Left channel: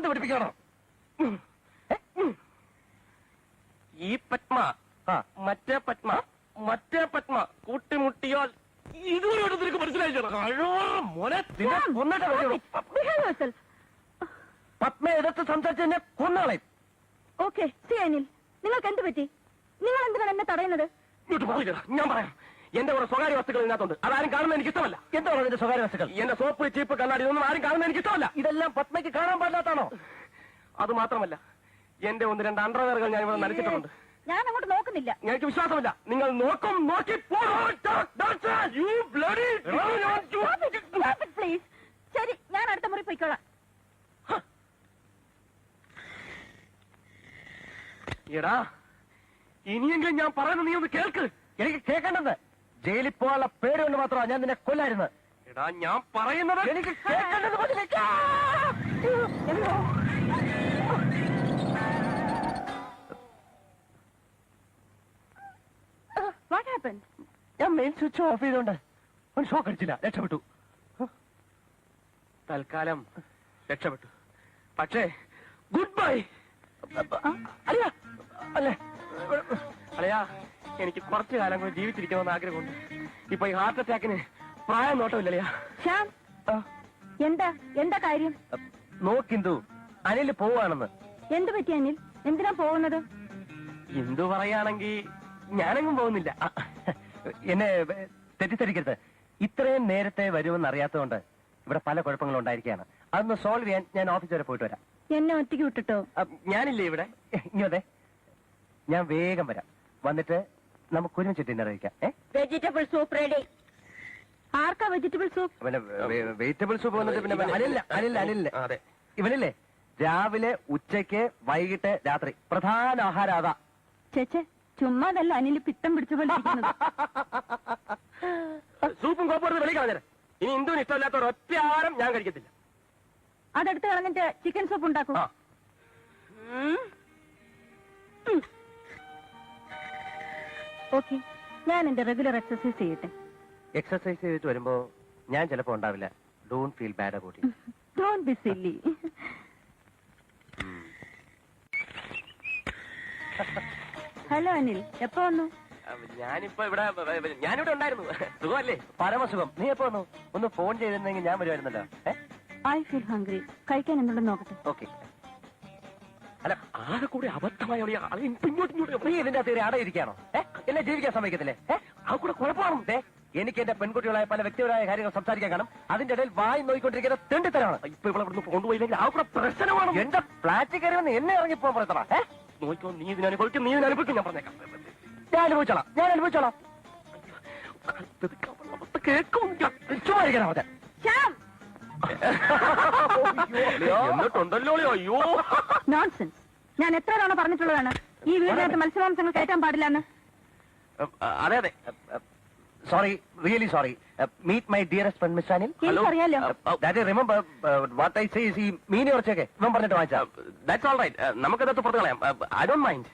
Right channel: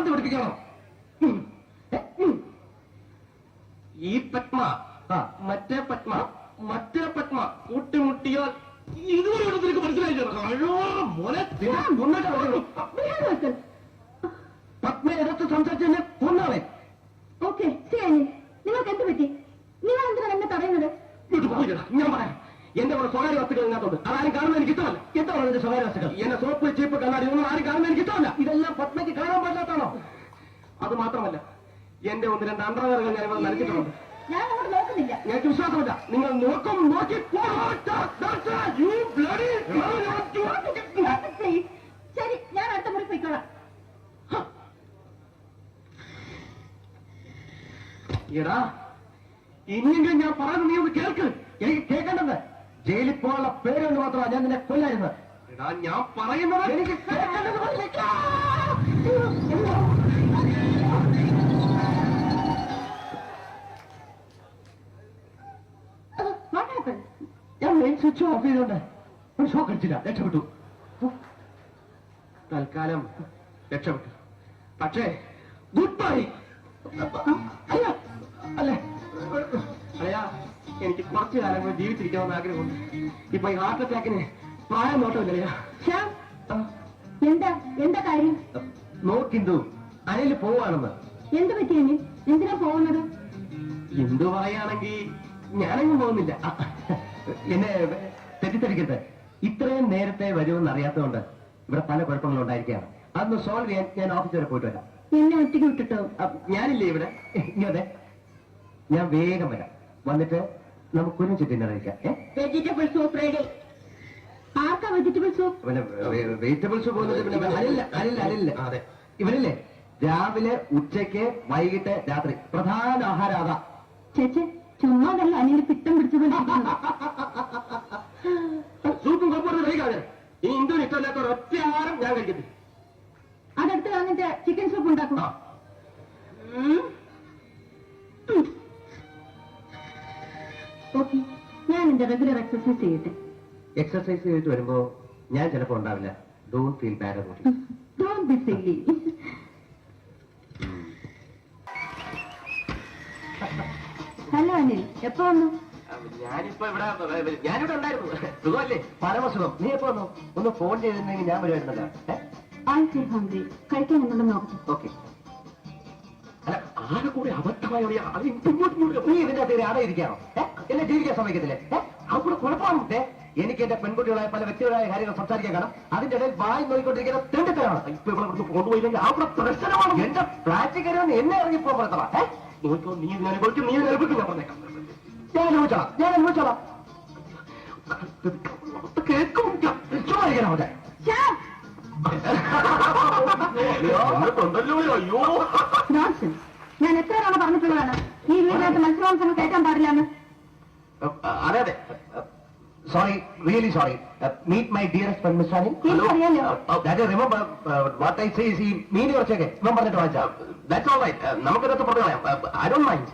ഭ്രാന്ത് പിടിപ്പിക്കണം. ഈ പത്മ മറ്റേ പത്മ കൂട്ടിമുട്ടിയോ ഇതുവരെ നിനക്ക് മനസ്സിലായില്ലോ? പത്മ എടുത്ത് സംസാരിച്ചെന്നെ കൊന്നാളെ. ഓക്കെ ശരി, നിങ്ങൾക്ക് എന്ത് പറ്റി? നിങ്ങൾ എന്തിനാണ് എന്നെ തടയുന്നത്? ഞാൻ പറയാം, എന്റെ കൂടെ സ്വകാര്യ വസ്തുക്കൾ ഇതിനകത്തുണ്ട്. അതാരും കാണുന്നത് എനിക്ക് ഇഷ്ടമല്ല. എന്താണ് എന്റെ സ്വകാര്യ വസ്തുക്കൾ? എന്റെ സോപ്പ് ചീപ്പ് കണ്ണാടി ഒന്നും ആരും കാണുന്നത് എനിക്ക് ഇഷ്ടമല്ല. ഇതെല്ലാം പത്മയ്ക്ക് കാണാൻ പാടാത്താണോ? അത് മാത്രമല്ല, എന്റെ ഒന്ന് രണ്ട് അണ്ടാകങ്ങൾ ഞാൻ ഇവിടെ നൽകിയിട്ടുണ്ട്. ഞാൻ അവിടെ നോക്കുന്നില്ല. എനിക്ക് വിശ്വാസമില്ല. നിങ്ങൾ നോക്കും നോക്കി ശരി, ഞാൻ അടുത്ത മുറി പോയിക്കോളാം. എടാ, ഇനിയെങ്കിലും ഞാൻ പറയുന്നത് നീ ഒന്ന് കേൾക്ക്. എനിക്ക് കേൾക്കേണ്ടത് ജയിലിൽ പോകാനുള്ള പേരുകൊണ്ട് മാത്രമാണ് ഞാൻ നിന്നെ കൊല്ലായിരുന്നത്. എടാ, ഞാൻ പറയുന്നത് എനിക്ക് കേൾക്കേണ്ടത്. ഞാൻ മെയിൻ സ്വിച്ച് ഓഫ് ചെയ്തോണ്ട് ഒരു ഷോക്ക് അടിച്ചില്ല, രക്ഷപ്പെട്ടു. തൽക്കാലം രക്ഷപ്പെട്ടു. പക്ഷേ ഗുഡ് ബൈ. അല്ല അല്ലേ അല്ലയാ, എനിക്ക് കുറച്ചു കാലം കൂടി ജീവിച്ചിരിക്കണമെന്ന് ആഗ്രഹമുണ്ട്. ഇപ്പൊ ഈ ഹാർട്ട് അറ്റാക്കിന് പ്രായം നോട്ടമില്ലയാ. എന്താ കാര്യം? നോക്കിന്തു അനിൽ പോവാണെന്ന്. എന്ത് പറ്റി അനിൽ? എന്തിനാ പോകുന്നത്? എന്തു പറയാണെങ്കിൽ ഞാനെങ്ങും പോകുന്നില്ല. എന്നെ തെറ്റിദ്ധരിക്കട്ടെ, ഇത്രയും നേരത്തെ വരുമെന്ന് അറിയാത്തതുകൊണ്ട് ഇവിടെ പല കുഴപ്പങ്ങളും ഉണ്ടായിരിക്കുകയാണ്. അതൊന്ന് സോൾവ് ചെയ്യാൻ ഞാൻ ഓഫീസ് വരെ പോയിട്ട് വരാം. എന്നെ ഒറ്റയ്ക്ക് വിട്ടിട്ടോ? ഞാനില്ലേ ഇവിടെ. ഇങ്ങനെ ഞാൻ വേഗം വരാം. വന്നിട്ട് നമുക്ക് ഒരുമിച്ച് ഡിന്നർ കഴിക്കാം. Vegetable soup ready. ആർക്കാ വെജിറ്റബിൾ സൂപ്പ്? വെജിറ്റബിൾ സൂപ്പ് അല്ല. ഇവരില്ലേ രാവിലെ ഉച്ചയ്ക്ക് വൈകിട്ട് രാത്രി പ്രധാന ആഹാരം അതാ. ചേച്ചി ചുമ്മാതല്ല അനിൽ പിത്തം പിടിച്ചുകൊണ്ട് സൂപ്പും കൊപ്പൊന്നും കഴിക്കാതെ. ഇനി ഇന്ദു ഇഷ്ടമില്ലാത്ത ഒറ്റ ആഹാരം ഞാൻ കഴിക്കത്തില്ല. അതെടുത്ത് കളഞ്ഞിട്ട് ചിക്കൻ സൂപ്പ് ഉണ്ടാക്കും. ഓക്കെ, ഞാൻ എന്റെ റെഗുലർ എക്സസൈസ് ചെയ്യട്ടെ. എക്സസൈസ് ചെയ്തിട്ട് വരുമ്പോ ഞാൻ ചിലപ്പോ ഉണ്ടാവില്ല. Don't feel bad about it. Don't be silly. Hello Anil, എപ്പോ വന്നു? ഞാനിവിടെ ഉണ്ടായിരുന്നു. സുഖമല്ലേ? പരമസുഖം. നീ എപ്പോ വന്നു? ഒന്ന് ഫോൺ ചെയ്തിരുന്നെങ്കിൽ ഞാൻ വരുമായിരുന്നല്ലോ. I feel hungry. കഴിക്കാൻ എന്നുള്ള നോക്കും. ഓക്കെ. അല്ല, ആരെ കൂടെ അബദ്ധമായ നീ ഇതിന്റെ അതിൽ അടയിരിക്കാണോ? എന്നെ ജീവിക്കാൻ സമയത്തില്ലേ? അവിടെ കുഴപ്പമുണ്ടേ. എനിക്ക് എന്റെ പെൺകുട്ടികളായ പല വ്യക്തികളായ കാര്യങ്ങൾ സംസാരിക്കാൻ കാണാം. അതിന്റെ ഇടയിൽ വായി നോക്കിക്കൊണ്ടിരിക്കുന്ന തെണ്ടിത്തരാണ്. ഇപ്പൊ ഇവിടെ പോകുന്നില്ലെങ്കിൽ അവിടെ പ്രശ്നമാണ്. എന്റെ ഫ്ലാറ്റിൽ കയറുന്ന എന്നെ ഇറങ്ങിപ്പോ പോയതാ. നീ അനുഭവിക്കും, നീ അനുഭവിക്കില്ല. പറഞ്ഞേക്കാം, ഞാൻ അനുഭവിച്ചോളാം. കേൾക്കും ചോദിക്കണം അവിടെ. ഞാൻ എത്ര തവണ പറഞ്ഞിട്ടുള്ളതാണ് ഈ വീട്ടിലേക്ക് മത്സരമാംസങ്ങൾ കയറ്റാൻ പാടില്ലാണ്. അതെ അതെ, sorry, really sorry. Meet my dearest friend miss Annie. എനിക്കറിയാലോ. Remember what I say is ഈ മീനി കുറച്ചൊക്കെ പറഞ്ഞിട്ട് വായിച്ചാ. That's all right. നമുക്കതൊക്കെ പറയാം. I don't mind.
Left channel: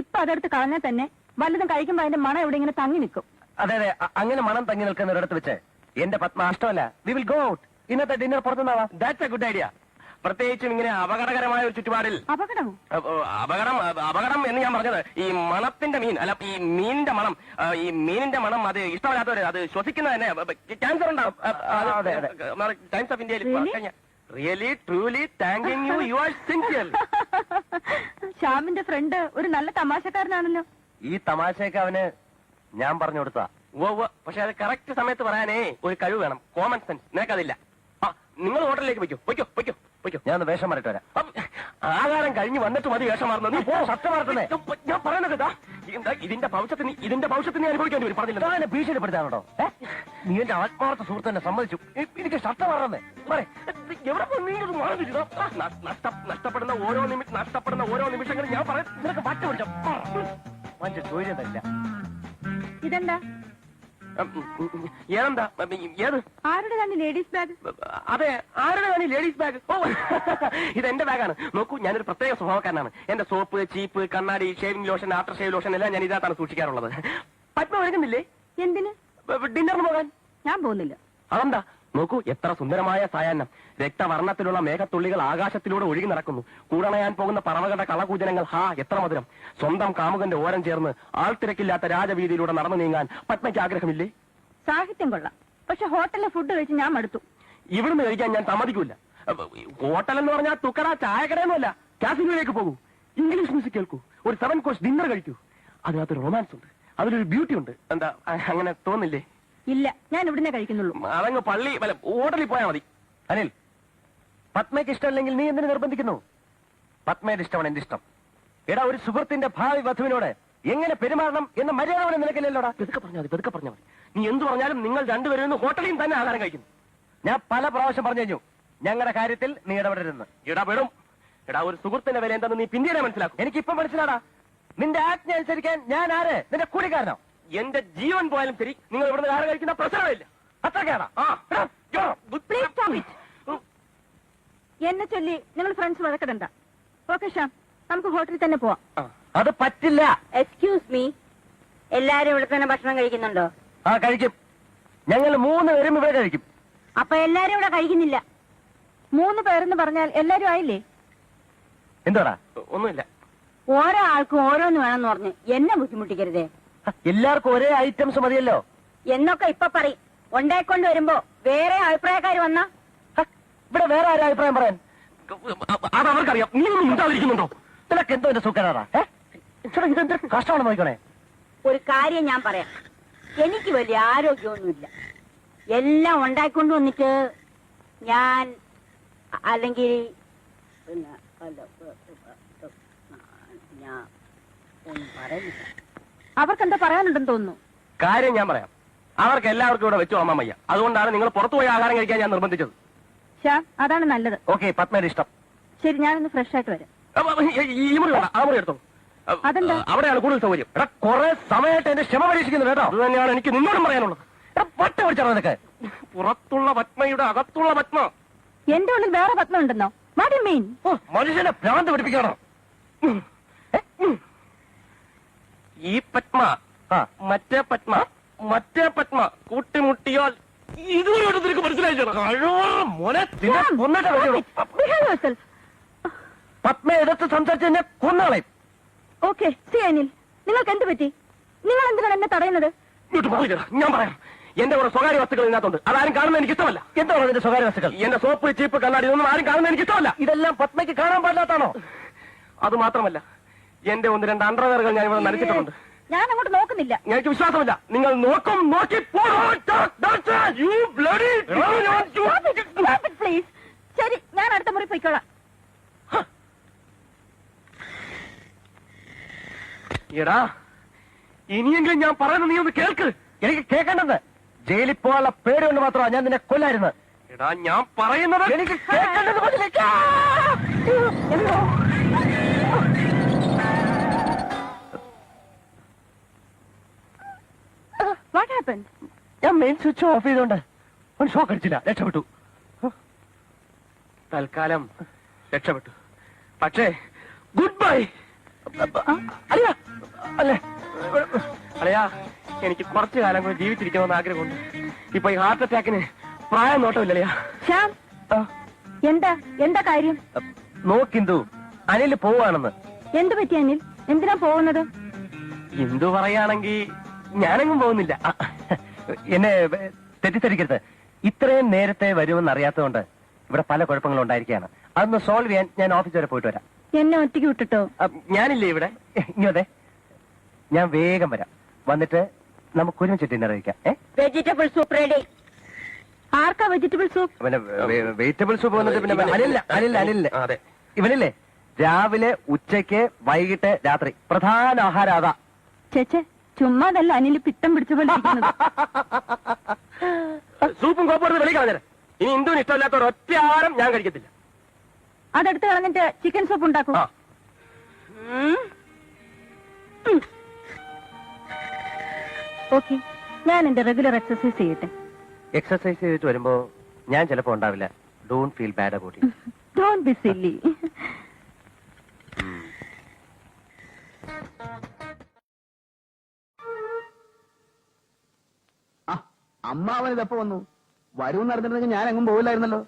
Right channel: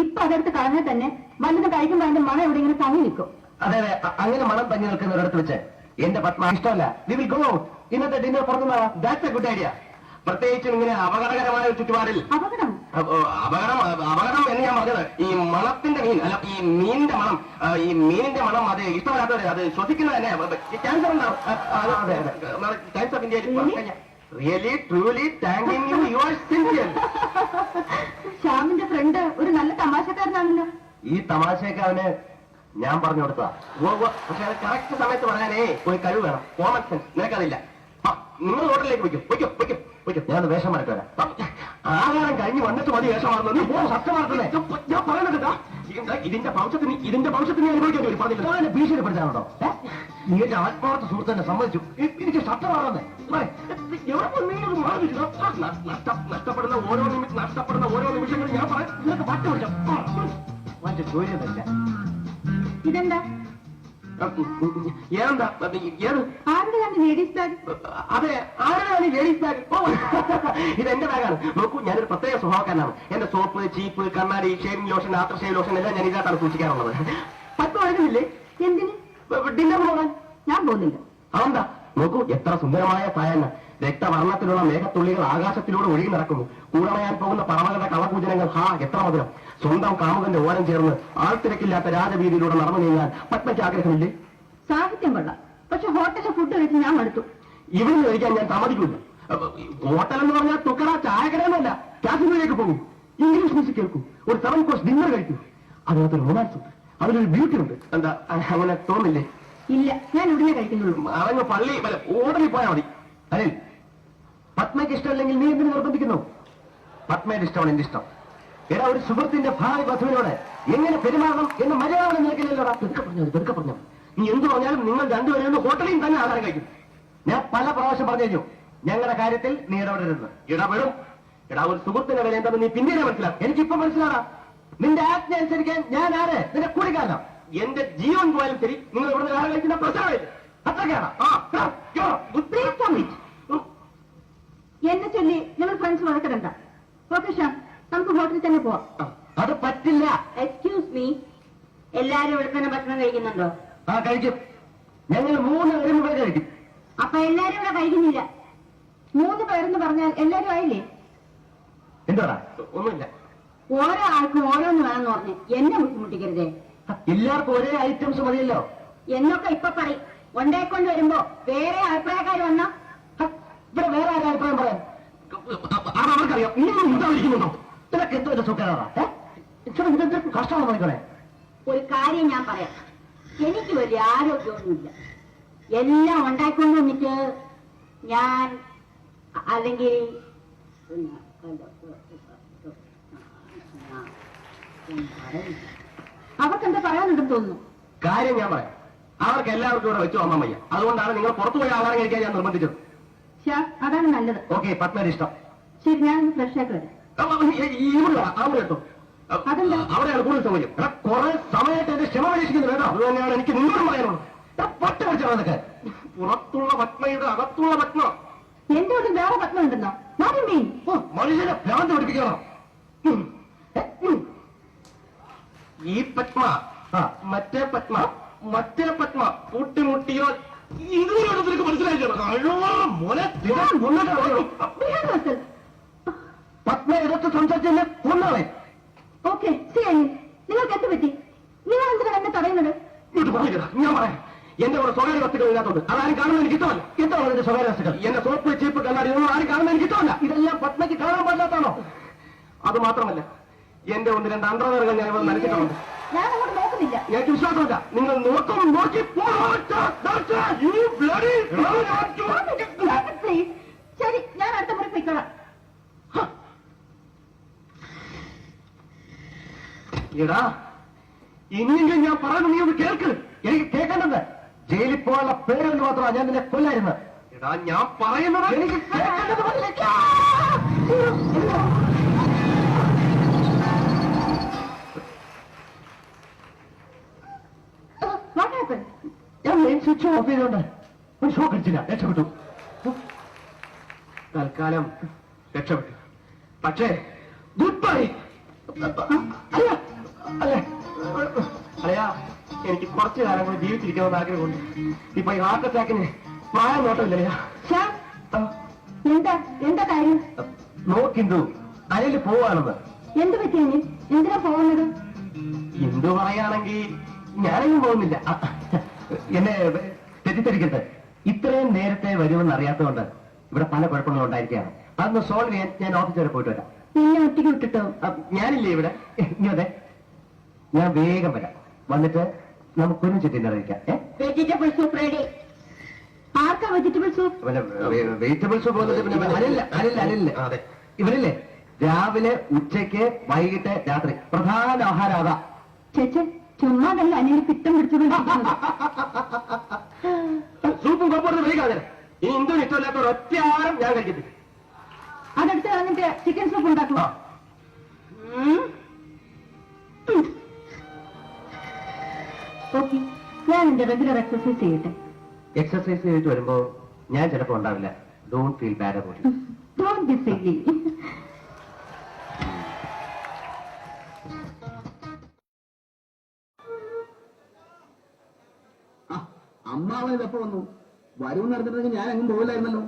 ഇപ്പൊ അതെടുത്ത് കളഞ്ഞാൽ തന്നെ വലുത് കഴിക്കുമ്പോൾ അതിന്റെ മണം എവിടെയെങ്കിലും തങ്ങി നിൽക്കും. അതെ അതെ, അങ്ങനെ മണം തങ്ങി നിൽക്കുന്ന ഒരിടത്ത് വെച്ച് എന്റെ പത്മ ഇഷ്ടമല്ല. We will go out. ഇന്നത്തെ ഡിന്നർ പുറത്തുനിന്നാണ്. That's a good idea. പ്രത്യേകിച്ചും ഇങ്ങനെ അപകടകരമായ ഒരു ചുറ്റുപാടിൽ. അപകടം എന്ന് ഞാൻ പറഞ്ഞത് ഈ മണത്തിന്റെ മീൻ അല്ല, ഈ മീനിന്റെ മണം. ഈ മീനിന്റെ മണം അത് ഇഷ്ടമല്ലാത്തവര് അത് ശ്വസിക്കുന്നത് തന്നെയാണ്. ക്യാൻസർ ഉണ്ടാവും. Really truly thanking you. You are sincere. ഷാമിന്റെ ഫ്രണ്ട് ഒരു നല്ല തമാശക്കാരനാണല്ലോ. ഈ തമാശയൊക്കെ അവന് ഞാൻ പറഞ്ഞു കൊടുത്താ. പക്ഷെ അത് കറക്റ്റ് സമയത്ത് പറയാനേ ഒരു കഴിവ് വേണം. കോമൺ സെൻസ് നിനക്കതില്ല. നിങ്ങൾ ഹോട്ടലിലേക്ക് പോയിക്കും. ഞാൻ വേഷം മാറ്റി വരാം. ആഹാരം കഴിഞ്ഞ് വന്നിട്ട് മതി വേഷം മാറുന്നത്. സത്യമാർത്തേ ഞാൻ പറഞ്ഞിട്ടാ. ഇതിന്റെ ഭവിഷ്യത്തിന് അനുഭവിക്കേണ്ടി വരും. ഭീഷണിപ്പെടുത്താണോ? നീ എന്റെ ആത്മാർത്ഥ സുഹൃത്തിനെ സമ്മതിച്ചു. എനിക്ക് സത്യമാണെന്നേ. നഷ്ടപ്പെടുന്ന ഓരോ നിമിഷങ്ങളും ഞാൻ പറയാം. മറ്റേ ചോദ്യമല്ല. ഇതെന്താ? Ladies bag? അതെ, ആരാണ് ലേഡീസ് ബാഗ്? ഇത് എന്റെ ബാഗാണ്. നോക്കൂ, ഞാനൊരു പ്രത്യേക സ്വഭാവക്കാരനാണ്. എന്റെ സോപ്പ്, ചീപ്പ്, കണ്ണാടി, shaving lotion, after shave lotion എല്ലാം ഞാൻ ഇതായിട്ടാണ് സൂക്ഷിക്കാറുള്ളത്. 10 വരുന്നില്ലേ? എന്തിന്? ഡിന്നർ പോകാൻ. ഞാൻ പോകുന്നില്ല. അതെന്താ? നോക്കൂ, എത്ര സുന്ദരമായ സായാഹ്നം. രക്തവർണ്ണത്തിലുള്ള മേഘത്തുള്ളികൾ ആകാശത്തിലൂടെ ഒഴുകി നടക്കുന്നു. ഉണമയാൻ പോകുന്ന പാവകളുടെ കളപൂജനങ്ങൾ എത്ര മധുരം. സ്വന്തം കാമുകന്റെ ഓരം ചേർന്ന് ആൾത്തിരക്കില്ലാത്ത രാജവീതിയിലൂടെ നടന്നു നീങ്ങാൻ പത്മയ്ക്ക് ആഗ്രഹമില്ലേ? സാഹിത്യം കൊള്ളാം, പക്ഷെ ഹോട്ടലിൽ ഫുഡ് കഴിച്ച് ഞാൻ മടുത്തു. ഇവിടുന്ന് കഴിക്കാൻ ഞാൻ സമ്മതിക്കില്ല. ഹോട്ടൽ എന്ന് പറഞ്ഞാൽ തുക്കട ചായകരമല്ല, കാസിനോയിലേക്ക് പോകും, ഇംഗ്ലീഷ് മ്യൂസിക് കേൾക്കും, ഒരു 7 കോഴ്സ് ഡിന്നർ കഴിക്കും. അതിനകത്ത് റൊമാൻസ് ഉണ്ട്, അതിലൊരു ബ്യൂട്ടി ഉണ്ട്. എന്താ അങ്ങനെ തോന്നില്ലേ? ഇല്ല, ഞാൻ ഉടനെ കഴിക്കുന്നുള്ളൂ. അവന് പള്ളി ഹോട്ടലിൽ പോയാൽ മതി. അനിൽ, പത്മയ്ക്ക് ഇഷ്ടമല്ലെങ്കിൽ നീ എന്തിനു നിർബന്ധിക്കുന്നു? പത്മയുടെ ഇഷ്ടമാണ് എന്റെ ഇഷ്ടം. എടാ, ഒരു സുഹൃത്തിന്റെ ഭാവി വധുവിനോട് എങ്ങനെ പെരുമാറണം എന്ന് മലയാളം നിൽക്കില്ലല്ലോ. തെക്ക പറഞ്ഞു നീ എന്തു പറഞ്ഞാലും നിങ്ങൾ രണ്ടുപേരും ഹോട്ടലിൽ തന്നെ ആഹാരം കഴിക്കും. ഞാൻ പല പ്രാവശ്യം പറഞ്ഞു, ഞങ്ങളുടെ കാര്യത്തിൽ നീ ഇടപെടരുത്. ഇടപെടും. എടാ, ഒരു സുഹൃത്തിന്റെ വില എന്താണെന്ന് നീ പിന്നീട് മനസ്സിലാവും. എനിക്കിപ്പോ മനസ്സിലാകാം. നിന്റെ ആജ്ഞ അനുസരിക്കാൻ ഞാൻ ആര്? നിന്റെ കൂടിക്കാലം. എന്റെ ജീവൻ പോയാലും ശരി, നിങ്ങൾ ഇവിടെ ആഹാരം കഴിക്കുന്ന പ്രശ്നമില്ല. അത്രയ്ക്കാണ്. എന്നെ ചൊല്ലി നിങ്ങൾ ഫ്രണ്ട്സ് വളർത്തണ്ട. ഓക്കെ ഷാ, നമുക്ക് ഹോട്ടലിൽ തന്നെ പോവാം. അത് പറ്റില്ല. എക്സ്ക്യൂസ് മീ, എല്ലാരും ഇവിടെ തന്നെ ഭക്ഷണം കഴിക്കുന്നുണ്ടോ? കഴിക്കും. ഞങ്ങൾ 3 പേരും ഇവിടെ കഴിക്കും. അപ്പൊ എല്ലാരും ഇവിടെ കഴിക്കുന്നില്ല. 3 പേരെന്ന് പറഞ്ഞാൽ എല്ലാരും ആയില്ലേ? എന്താ? ഒന്നുമില്ല. ഓരോ ആൾക്കും ഓരോന്ന് വേണമെന്ന് പറഞ്ഞ് എന്നെ ബുദ്ധിമുട്ടിക്കരുതേ. എല്ലാവർക്കും ഒരേ ഐറ്റംസ് മതിയല്ലോ എന്നൊക്കെ ഇപ്പൊ പറയും. ഉണ്ടായിക്കൊണ്ട് വരുമ്പോ വേറെ അഭിപ്രായക്കാർ വന്നാ ഇവിടെ വേറെ ആരും അഭിപ്രായം പറയാൻ അവർക്കറിയാം. നിനക്ക് എന്തോ സുഖരാണ്. കഷ്ടമാണ് നോക്കണേ. ഒരു കാര്യം ഞാൻ പറയാം, എനിക്ക് വലിയ ആരോഗ്യമൊന്നുമില്ല. എല്ലാം ഉണ്ടായിക്കൊണ്ട് വന്നിട്ട് ഞാൻ അല്ലെങ്കിൽ അവർക്കെന്താ പറയാനുണ്ടെന്ന് തോന്നുന്നു. കാര്യം ഞാൻ പറയാം. അവർക്ക് എല്ലാവർക്കും ഇവിടെ വെച്ചു അമ്മ വയ്യ. അതുകൊണ്ടാണ് നിങ്ങൾ പുറത്തുപോയി ആഹാരം കഴിക്കാൻ ഞാൻ നിർബന്ധിച്ചത്. അതാണ് നല്ലത്. ഓക്കെ, പത്മയുടെ ഇഷ്ടം. ശരി, ഞാനൊന്ന് ഫ്രഷ് ആയിട്ട് വരാം. അവിടെയാണ് കൂടുതൽ സൗകര്യം. കുറെ സമയമായിട്ട് എന്റെ ക്ഷമ പരീക്ഷിക്കുന്നത് കേട്ടോ. അത് തന്നെയാണ് എനിക്ക് നിന്നോടും പറയാനുള്ളത്. പട്ട വെച്ചാൽ അതൊക്കെ പുറത്തുള്ള പത്മയുടെ അകത്തുള്ള പത്മ. എന്റെ ഉള്ളിൽ വേറെ പത്മ ഉണ്ടെന്നോ? മീൻ മനുഷ്യനെ ഭ്രാന്ത് പഠിപ്പിക്കണോ? ഈ പത്മ മറ്റേ പത്മ കൂട്ടിമുട്ടിയാൽ ഇതിനോട് മനസ്സിലായിട്ടോ? പത്മയകത്ത് സംസാരിച്ചെന്നെ കൊന്നാളെ. ഓക്കെ, ശരി. നിങ്ങൾക്ക് എന്ത് പറ്റി? നിങ്ങൾ എന്തിനാണ് എന്നെ തടയുന്നത്? ഞാൻ പറയാം. എന്റെ കൂടെ സ്വകാര്യ വസ്തുക്കൾ ഇതിനകത്തുണ്ട്. അതാരും കാണുന്നത് എനിക്ക് ഇഷ്ടമല്ല. എന്താണ് എന്റെ സ്വകാര്യ വസ്തുക്കൾ? എന്റെ സോപ്പ്, ചീപ്പ്, കണ്ണാടി ഇതൊന്നും ആരും കാണുന്നത് എനിക്ക് ഇഷ്ടമല്ല. ഇതെല്ലാം പത്മയ്ക്ക് കാണാൻ പാടാത്താണോ? അത് മാത്രമല്ല, എന്റെ 1-2 അണ്ടർവെയറുകൾ ഞാൻ നൽകിയിട്ടുണ്ട്. ഞാൻ അങ്ങോട്ട് നോക്കുന്നില്ല. എനിക്ക് വിശ്വാസമില്ല. നിങ്ങൾ നോക്കി പ്ലീസ്. ശരി, ഞാൻ അടുത്ത മുറി പോയിക്കോളാം. എടാ, ഇനിയെങ്കിലും ഞാൻ പറയുന്നത് നീ ഒന്ന് കേൾക്ക്. എനിക്ക് കേൾക്കേണ്ടത് ജയിലിൽ പോകാനുള്ള പേരുകൊണ്ട് മാത്രമാണ് ഞാൻ നിന്നെ കൊല്ലായിരുന്നത്. എടാ, ഞാൻ പറയുന്നത് എനിക്ക് കേൾക്കേണ്ടത്. ഞാൻ മെയിൻ സ്വിച്ച് ഓഫ് ചെയ്തോണ്ട് ഒരു ഷോക്ക് അടിച്ചില്ല. രക്ഷപ്പെട്ടു. തൽക്കാലം രക്ഷപ്പെട്ടു. പക്ഷേ ഗുഡ് ബൈ. അല്ല അല്ലേ അല്ലയാ, എനിക്ക് കുറച്ചു കാലം കൂടി ജീവിച്ചിരിക്കണമെന്ന് ആഗ്രഹമുണ്ട്. ഇപ്പൊ ഈ ഹാർട്ട് അറ്റാക്കിന് പ്രായം നോട്ടമില്ലയാ. എന്താ കാര്യം? നോക്കിന്തു, അനിൽ പോവാണെന്ന്. എന്ത് പറ്റി അനിൽ? എന്തിനാ പോകുന്നത്? ഇന്ദു പറയാണെങ്കിൽ ഞാനെങ്ങും പോകുന്നില്ല. എന്നെ തെറ്റിദ്ധരിക്കരുത്. ഇത്രയും നേരത്തെ വരുമെന്ന് അറിയാത്തതുകൊണ്ട് ഇവിടെ പല കുഴപ്പങ്ങളും ഉണ്ടായിരിക്കുകയാണ്. അതൊന്ന് സോൾവ് ചെയ്യാൻ ഞാൻ ഓഫീസ് വരെ പോയിട്ട് വരാം. എന്നെ ഒറ്റയ്ക്ക് വിട്ടിട്ടോ? ഞാനില്ലേ ഇവിടെ. ഇങ്ങോട്ടെ, ഞാൻ വേഗം വരാം. വന്നിട്ട് നമുക്ക് ഒരുമിച്ച് ഡിന്നർ കഴിക്കാം. Vegetable soup ready. ആർക്കാ വെജിറ്റബിൾ സൂപ്പ്? പിന്നെ വെജിറ്റബിൾ സൂപ്പ് അല്ല. അതെ, ഇവനില്ലേ രാവിലെ, ഉച്ചയ്ക്ക്, വൈകിട്ട്, രാത്രി പ്രധാന ആഹാരം അതാ. ചേച്ചേ, ചുമ്മാതല്ല അനിൽ പിത്തം പിടിച്ചുകൊണ്ട് സൂപ്പും കോപ്പോഴും കഴിക്കാതെ. ഈ ഇന്ദുവിന് ഇഷ്ടമില്ലാത്ത ഒറ്റ ആഹാരം ഞാൻ കഴിക്കത്തില്ല. അതെടുത്ത് കളഞ്ഞിട്ട് ചിക്കൻ സൂപ്പ് ഉണ്ടാക്കും. ഓക്കെ, ഞാൻ എന്റെ റെഗുലർ എക്സസൈസ് ചെയ്യട്ടെ. എക്സസൈസ് ചെയ്തിട്ട് വരുമ്പോ ഞാൻ ചിലപ്പോ ഉണ്ടാവില്ല. Don't feel bad about it. Don't be silly. അമ്മാവൻ ഇതപ്പോ വന്നു. വരും നടന്നിട്ടുണ്ടെങ്കിൽ ഞാൻ എങ്ങും പോകില്ലായിരുന്നല്ലോ.